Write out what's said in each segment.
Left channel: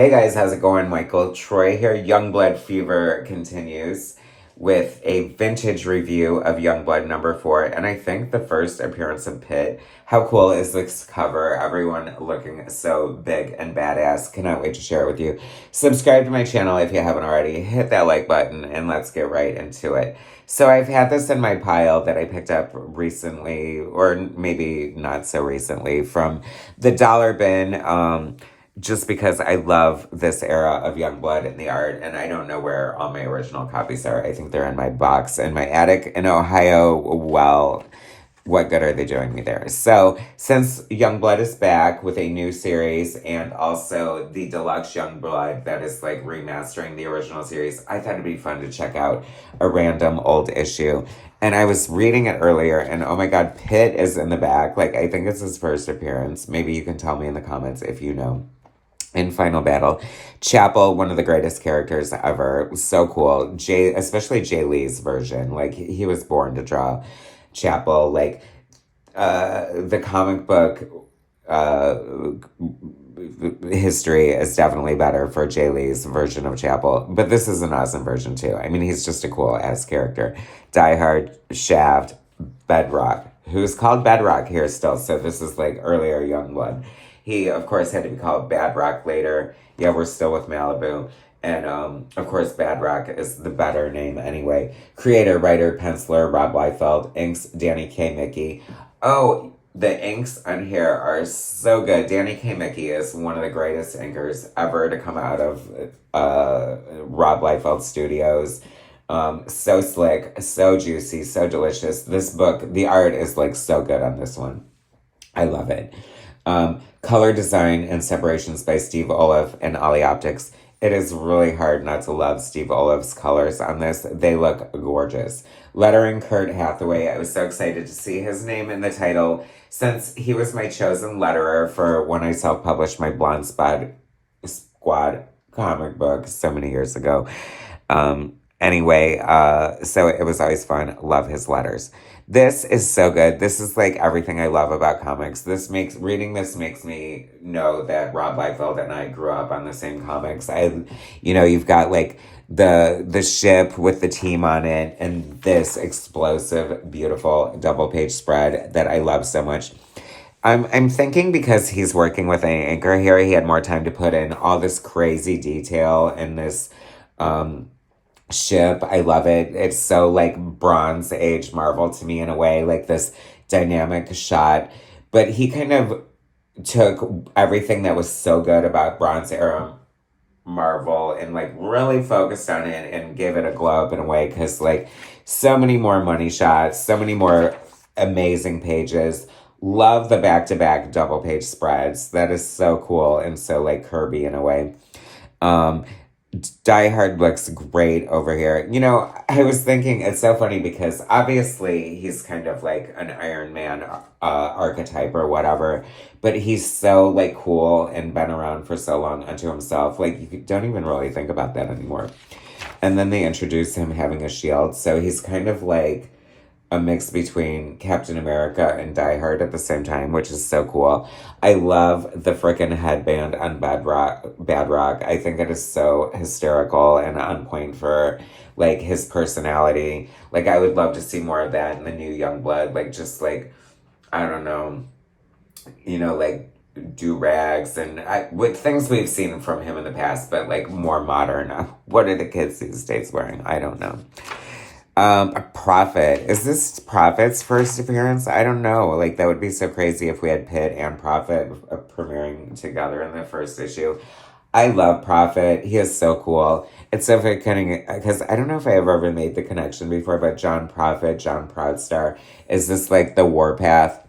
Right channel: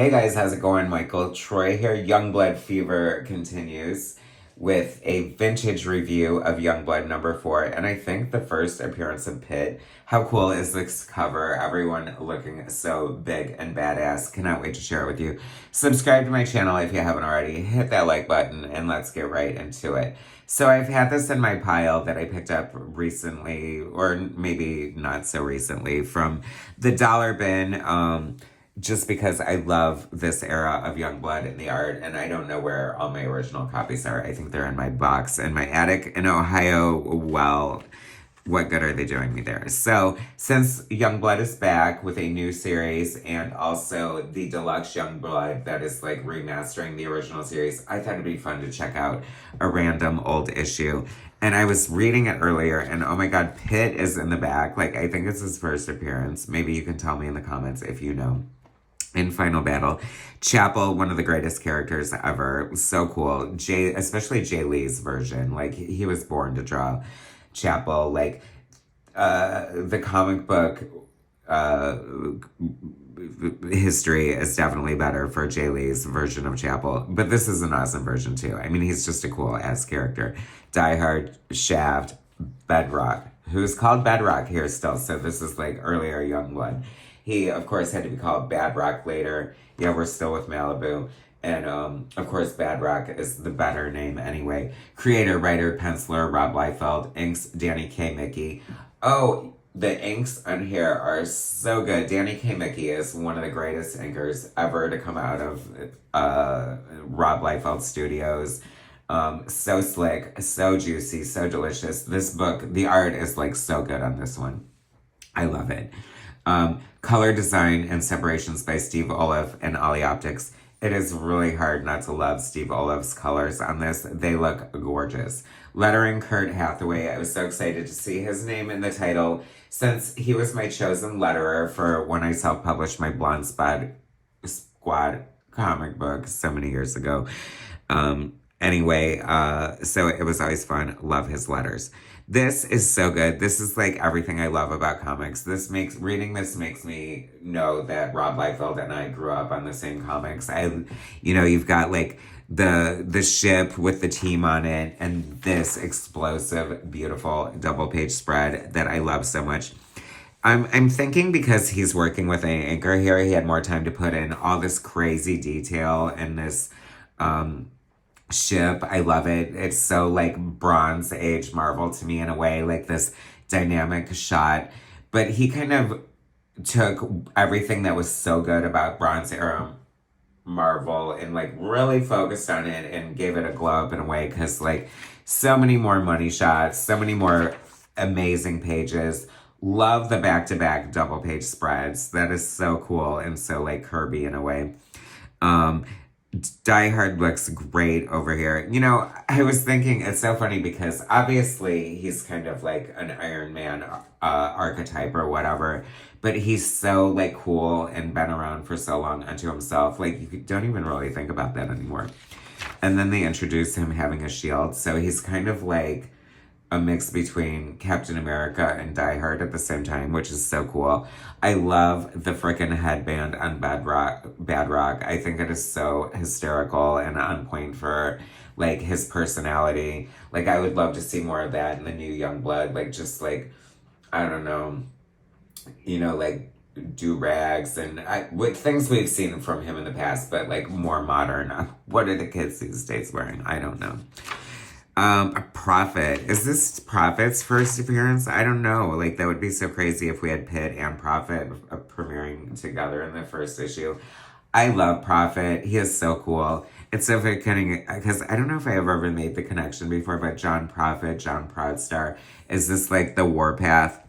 Hey guys, how's it going? Michael Troy here. Youngblood Fever continues with a vintage review of Youngblood #4, and I think the first appearance of PITT. How cool is this cover? Everyone looking so big and badass. Cannot wait to share it with you. Subscribe to my channel if you haven't already. Hit that like button and let's get right into it. So I've had this in my pile that I picked up recently, or maybe not so recently, from the dollar bin. Just because I love this era of Youngblood and the art, and I don't know where all my original copies are. I think they're in my box in my attic in Ohio. Well, what good are they doing me there? So, since Youngblood is back with a new series and also the deluxe Youngblood that is like remastering the original series, I thought it'd be fun to check out a random old issue. And I was reading it earlier, and oh my god, PITT is in the back. Like, I think it's his first appearance. Maybe you can tell me in the comments if you know. In Final Battle, Chapel, one of the greatest characters ever. So cool. Especially Jay Lee's version. Like, he was born to draw Chapel. Like, the comic book history is definitely better for Jay Lee's version of Chapel. But this is an awesome version, too. I mean, he's just a cool-ass character. Die Hard, Shaft, Bedrock. Who's called Bedrock here still. So this is, like, earlier Youngblood. He, of course, had to be called Bad Rock later. Yeah, we're still with Malibu. And, of course, Bad Rock is the better name anyway. Creator, writer, penciler, Rob Liefeld. Inks, Danny K. Mickey. Oh, the inks on here are so good. Danny K. Mickey is one of the greatest inkers ever to come out of Rob Liefeld Studios. So slick, so juicy, so delicious. This book, the art is, like, so good on this one. I love it. Color design and separations by Steve Olive and Ollie Optics. It is really hard not to love Steve Olive's colors on this. They look gorgeous. Lettering, Kurt Hathaway. I was so excited to see his name in the title since he was my chosen letterer for when I self-published my Blonde Squad comic book so many years ago. Anyway, so it was always fun. Love his letters. This is so good. This is like everything I love about comics. Reading this makes me know that Rob Liefeld and I grew up on the same comics. You've got like the ship with the team on it and this explosive, beautiful double page spread that I love so much. I'm thinking because he's working with an anchor here, he had more time to put in all this crazy detail and this, ship. I love it. It's so like Bronze Age Marvel to me in a way, like this dynamic shot. But he kind of took everything that was so good about Bronze Era Marvel and like really focused on it and gave it a glow up in a way because like so many more money shots, so many more amazing pages. Love the back-to-back double page spreads. That is so cool and so like Kirby in a way. Die Hard looks great over here. You know, I was thinking it's so funny because obviously he's kind of like an Iron Man archetype or whatever, but he's so like cool and been around for so long unto himself. Like you don't even really think about that anymore. And then they introduce him having a shield, so he's kind of like a mix between Captain America and Die Hard at the same time, which is so cool. I love the frickin' headband on Bad Rock. I think it is so hysterical and on point for, like, his personality. Like, I would love to see more of that in the new Youngblood. Like, just, like, I don't know, like, do-rags and with things we've seen from him in the past, but, like, more modern. What are the kids these days wearing? I don't know. Prophet. Is this Prophet's first appearance? I don't know. Like, that would be so crazy if we had PITT and Prophet premiering together in the first issue. I love Prophet. He is so cool. It's so funny because I don't know if I ever made the connection before, but John Prophet, John Proudstar, is this like the warpath?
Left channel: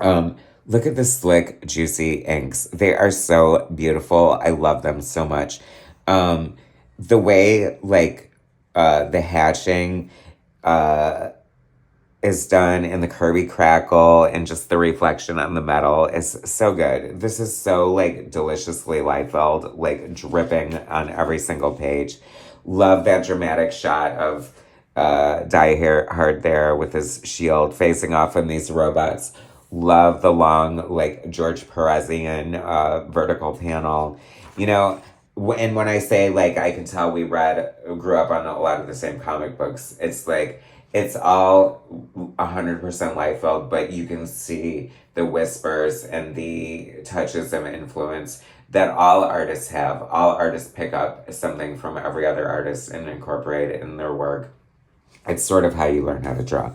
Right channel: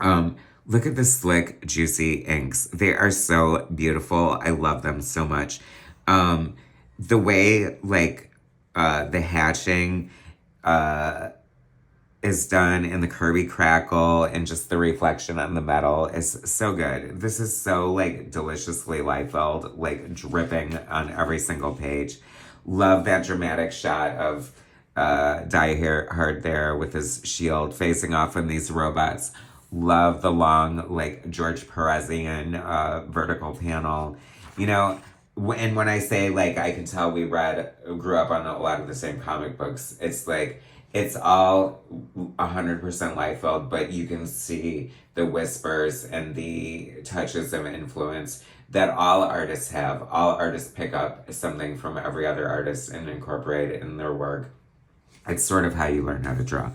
Look at the slick, juicy inks. They are so beautiful. I love them so much. The way, like, the hatching is done and the Kirby crackle and just the reflection on the metal is so good. This is so like deliciously Liefeld, like dripping on every single page. Love that dramatic shot of Die Hard there with his shield facing off on these robots. Love the long like George Perezian vertical panel. you know, and when I say, like, I can tell grew up on a lot of the same comic books, it's like, it's all 100% Liefeld, but you can see the whispers and the touches of influence that all artists have. All artists pick up something from every other artist and incorporate it in their work. It's sort of how you learn how to draw.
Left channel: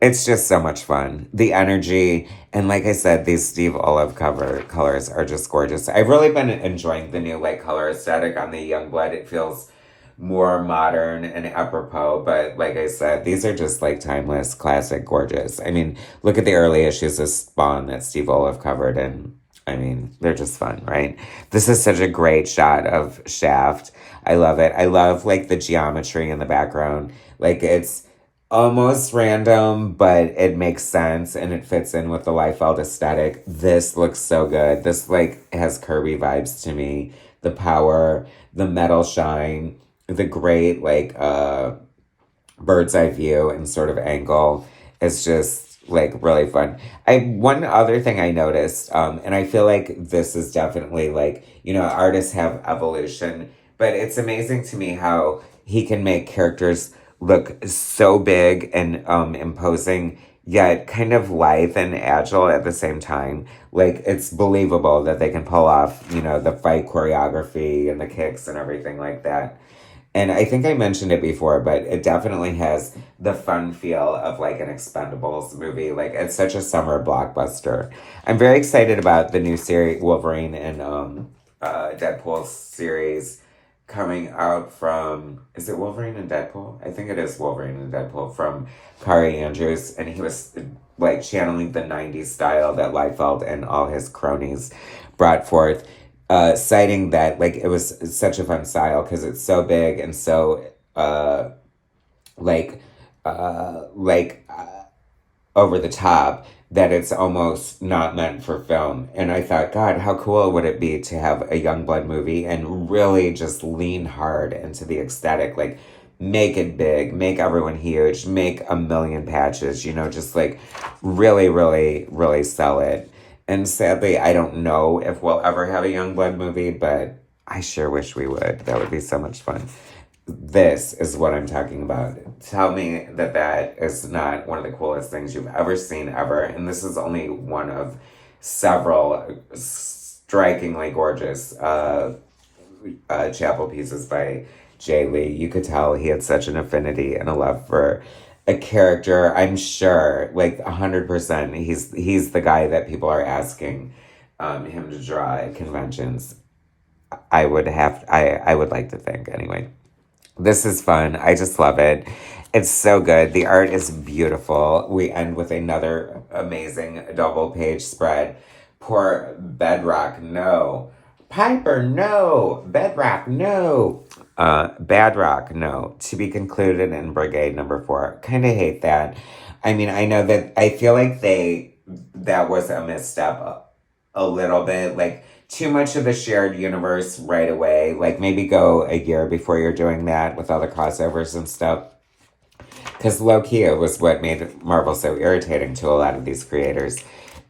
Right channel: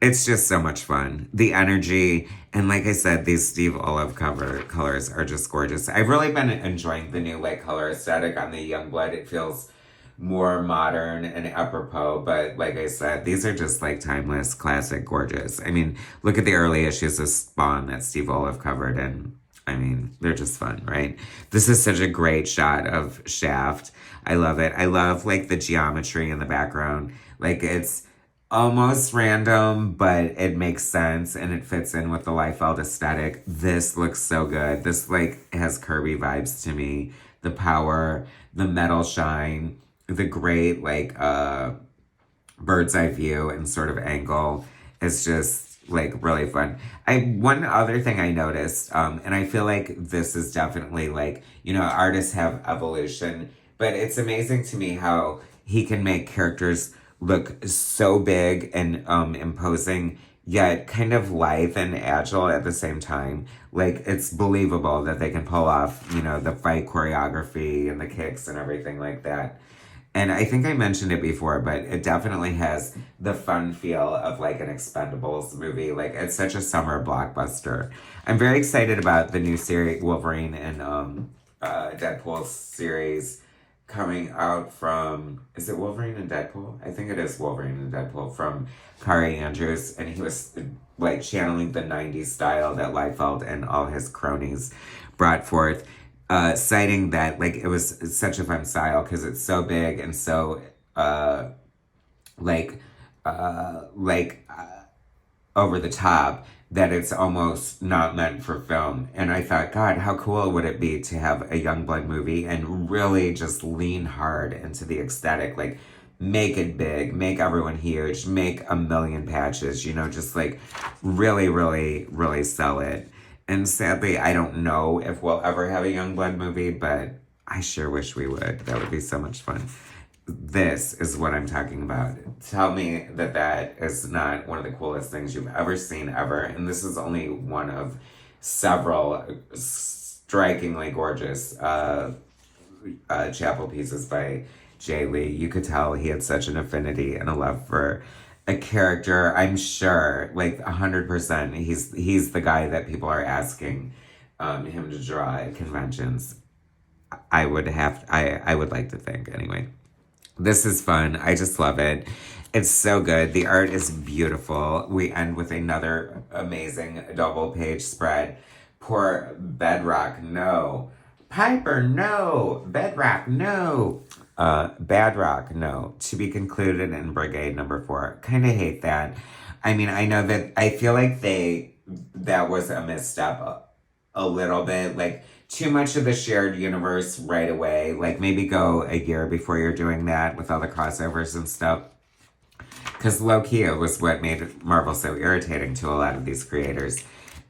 It's just so much fun. The energy, and like I said, these Steve Olive cover colors are just gorgeous. I've really been enjoying the new light color aesthetic on the Youngblood. It feels more modern and apropos, but like I said, these are just like timeless, classic, gorgeous. I mean, look at the early issues of Spawn that Steve Olive covered, and I mean, they're just fun, right? This is such a great shot of Shaft. I love it. I love like the geometry in the background. Like it's almost random, but it makes sense and it fits in with the Liefeld aesthetic. This looks so good. This like has Kirby vibes to me. The power, the metal shine, the great like bird's eye view and sort of angle is just like really fun. One other thing I noticed, and I feel like this is definitely like, you know, artists have evolution, but it's amazing to me how he can make characters look so big and imposing, yet kind of lithe and agile at the same time. Like, it's believable that they can pull off, you know, the fight choreography and the kicks and everything like that. And I think I mentioned it before, but it definitely has the fun feel of like an Expendables movie. Like, it's such a summer blockbuster. I'm very excited about the new series, Wolverine and Deadpool series coming out from, is it Wolverine and Deadpool? I think it is Wolverine and Deadpool from Kari Andrews. And he was like channeling the 90s style that Liefeld and all his cronies brought forth. Citing that like it was such a fun style because it's so big and so like over the top that it's almost not meant for film. And I thought, God, how cool would it be to have a Youngblood movie and really just lean hard into the aesthetic, like make it big, make everyone huge, make a million patches, you know, just like really, really, really sell it. And sadly, I don't know if we'll ever have a Youngblood movie, but I sure wish we would. That would be so much fun. This is what I'm talking about. Tell me that that is not one of the coolest things you've ever seen ever. And this is only one of several strikingly gorgeous chapel pieces by Jay Lee. You could tell he had such an affinity and a love for a character. I'm sure, like 100%, he's the guy that people are asking him to draw at conventions. I would like to think anyway. This is fun. I just love it. It's so good. The art is beautiful. We end with another amazing double page spread. Poor Bedrock, no. Piper, no. Bedrock, no. Badrock, no. To be concluded in Brigade number 4. Kind of hate that. I mean, I know that I feel like that was a misstep a little bit. Like, too much of the shared universe right away. Like, maybe go a year before you're doing that with all the crossovers and stuff. Because low-key, it was what made Marvel so irritating to a lot of these creators.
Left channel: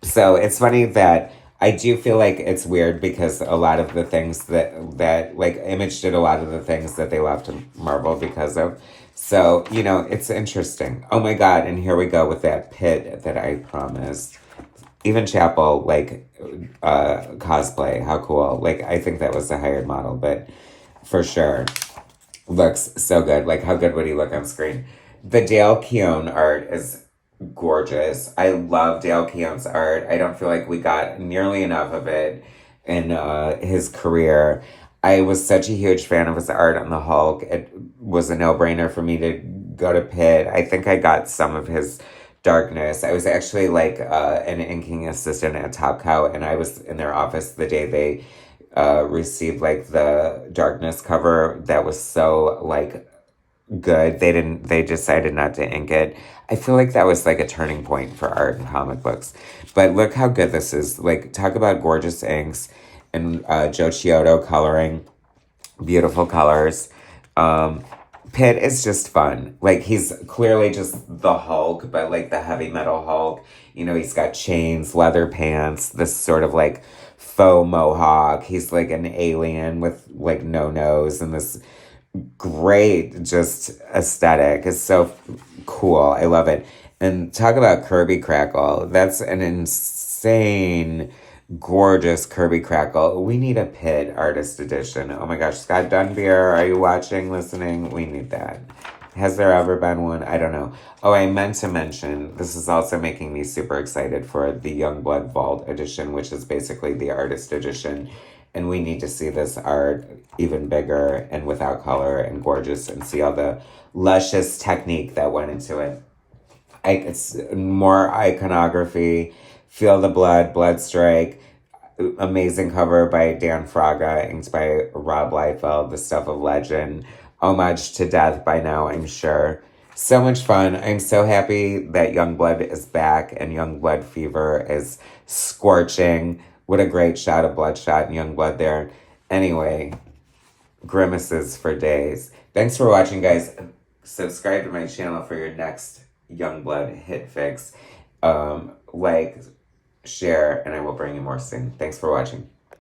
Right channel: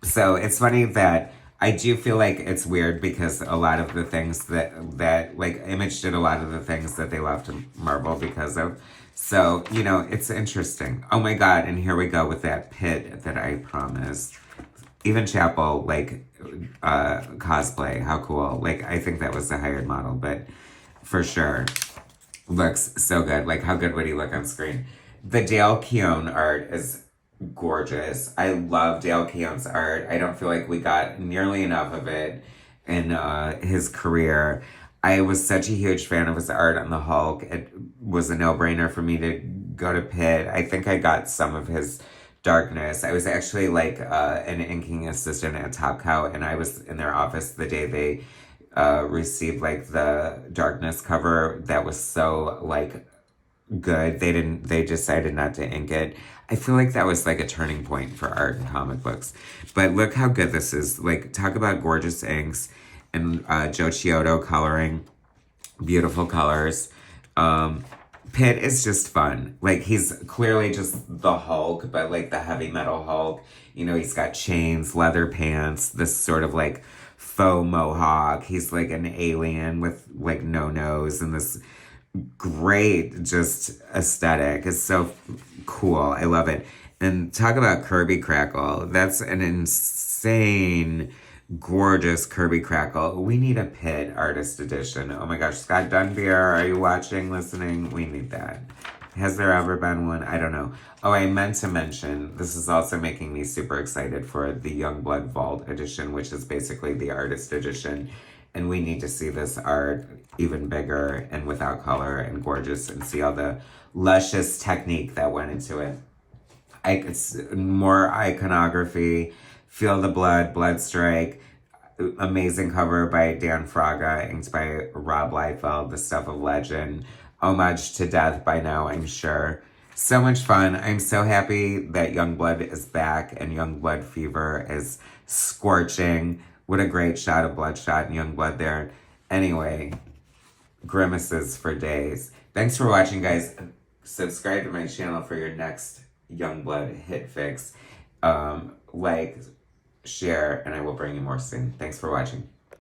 So it's funny that I do feel like it's weird because a lot of the things that like Image did a lot of the things that they left Marvel because of. So, you know, it's interesting. Oh my God, and here we go with that PITT that I promised. Even Chapel, like, cosplay, how cool. Like, I think that was the hired model, but for sure, looks so good. Like, how good would he look on screen? The Dale Keown art is gorgeous. I love Dale Keown's art. I don't feel like we got nearly enough of it in his career. I was such a huge fan of his art on the Hulk. It was a no-brainer for me to go to PITT. I think I got some of his Darkness. I was actually like an inking assistant at Top Cow, and I was in their office the day they received like the Darkness cover that was so like good. They decided not to ink it. I feel like that was like a turning point for art and comic books. But look how good this is. Like, talk about gorgeous inks and Joe Chiodo coloring. Beautiful colors. PITT is just fun. Like, he's clearly just the Hulk, but like the heavy metal Hulk. You know, he's got chains, leather pants, this sort of like faux mohawk. He's like an alien with like no nose and this great just aesthetic. It's so cool. I love it. And talk about Kirby Crackle. That's an insane, gorgeous Kirby Crackle. We need a PITT artist edition. Oh my gosh, Scott Dunbier, are you watching, listening? We need that. Has there ever been one? I don't know. Oh, I meant to mention, this is also making me super excited for the Youngblood Vault edition, which is basically the artist edition. And we need to see this art even bigger and without color and gorgeous and see all the luscious technique that went into it. It's more iconography. Feel the Blood, Bloodstrike. Amazing cover by Dan Fraga, inked by Rob Liefeld, The Stuff of Legend. Homage to Death by now, I'm sure. So much fun. I'm so happy that Youngblood is back and Youngblood Fever is scorching. What a great shot of Bloodshot and Youngblood there. Anyway, grimaces for days. Thanks for watching, guys. Subscribe to my channel for your next Youngblood hit fix. Like, share, and I will bring you more soon. Thanks for watching.